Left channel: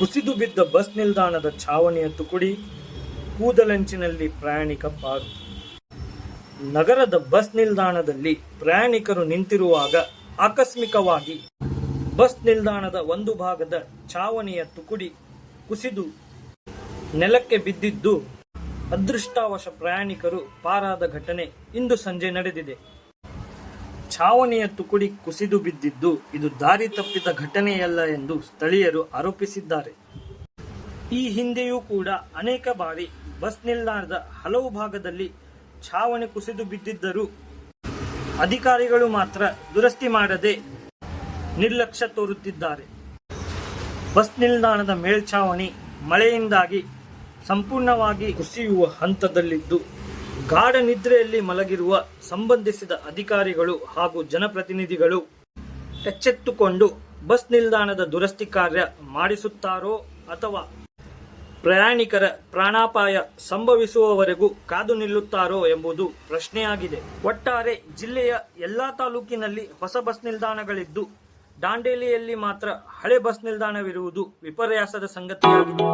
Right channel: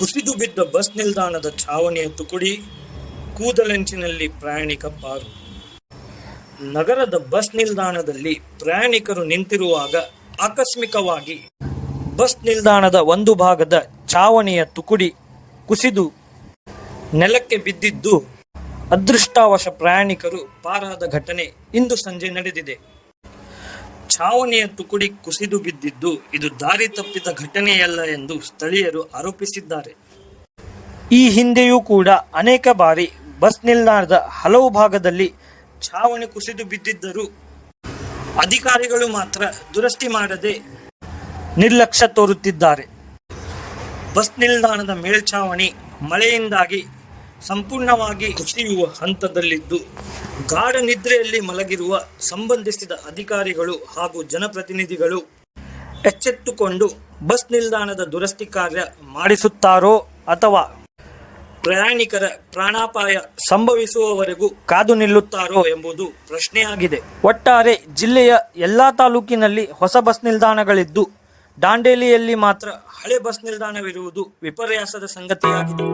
ಕುಸಿದು ಬಿದ್ದ ಬಸ್ ನಿಲ್ದಾಣದ ಛಾವಣಿಯ ತುಕುಡಿ, ಕೂದಲೆಂಚಿನಲ್ಲಿ ಪ್ರಯಾಣಿಕ ಪಾರು. ನಗರದ ಬಸ್ ನಿಲ್ದಾಣದಲ್ಲಿ ಪ್ರಯಾಣಿಕರು ನಿಂತಿರುವಾಗ ಆಕಸ್ಮಿಕವಾಗಿ ಬಸ್ ನಿಲ್ದಾಣದ ಒಂದು ಭಾಗದ ಛಾವಣಿಯ ತುಕುಡಿ ಕುಸಿದು ನೆಲಕ್ಕೆ ಬಿದ್ದಿದ್ದು ಅದೃಷ್ಟವಶ ಪ್ರಯಾಣಿಕರು ಪಾರಾದ ಘಟನೆ ಇಂದು ಸಂಜೆ ನಡೆದಿದೆ. ಛಾವಣಿಯ ತುಕುಡಿ ಕುಸಿದು ಬಿದ್ದಿದ್ದು ಇದು ದಾರಿ ತಪ್ಪಿದ ಘಟನೆಯಲ್ಲ ಎಂದು ಸ್ಥಳೀಯರು ಆರೋಪಿಸಿದ್ದಾರೆ. ಈ ಹಿಂದೆಯೂ ಕೂಡ ಅನೇಕ ಬಾರಿ ಬಸ್ ನಿಲ್ದಾಣದ ಹಲವು ಭಾಗದಲ್ಲಿ ಛಾವಣಿ ಕುಸಿದು ಬಿದ್ದಿದ್ದರೂ ಅಧಿಕಾರಿಗಳು ಮಾತ್ರ ದುರಸ್ತಿ ಮಾಡದೆ ನಿರ್ಲಕ್ಷ್ಯ ತೋರುತ್ತಿದ್ದಾರೆ. ಬಸ್ ನಿಲ್ದಾಣದ ಮೇಲ್ಛಾವಣಿ ಮಳೆಯಿಂದಾಗಿ ಸಂಪೂರ್ಣವಾಗಿ ಕುಸಿಯುವ ಹಂತದಲ್ಲಿದ್ದು, ಗಾಢ ನಿದ್ರೆಯಲ್ಲಿ ಮಲಗಿರುವ ಸಂಬಂಧಿಸಿದ ಅಧಿಕಾರಿಗಳು ಹಾಗೂ ಜನಪ್ರತಿನಿಧಿಗಳು ಎಚ್ಚೆತ್ತುಕೊಂಡು ಬಸ್ ನಿಲ್ದಾಣದ ದುರಸ್ತಿ ಕಾರ್ಯ ಮಾಡಿಸುತ್ತಾರೋ ಅಥವಾ ಪ್ರಯಾಣಿಕರ ಪ್ರಾಣಾಪಾಯ ಸಂಭವಿಸುವವರೆಗೂ ಕಾದು ನಿಲ್ಲುತ್ತಾರೋ ಎಂಬುದು ಪ್ರಶ್ನೆಯಾಗಿದೆ. ಒಟ್ಟಾರೆ ಜಿಲ್ಲೆಯ ಎಲ್ಲಾ ತಾಲೂಕಿನಲ್ಲಿ ಹೊಸ ಬಸ್ ನಿಲ್ದಾಣಗಳಿದ್ದು, ದಾಂಡೇಲಿಯಲ್ಲಿ ಮಾತ್ರ ಹಳೆ ಬಸ್ ನಿಲ್ದಾಣವಿರುವುದು ವಿಪರ್ಯಾಸದ ಸಂಗತಿಯಾಗಿದೆ.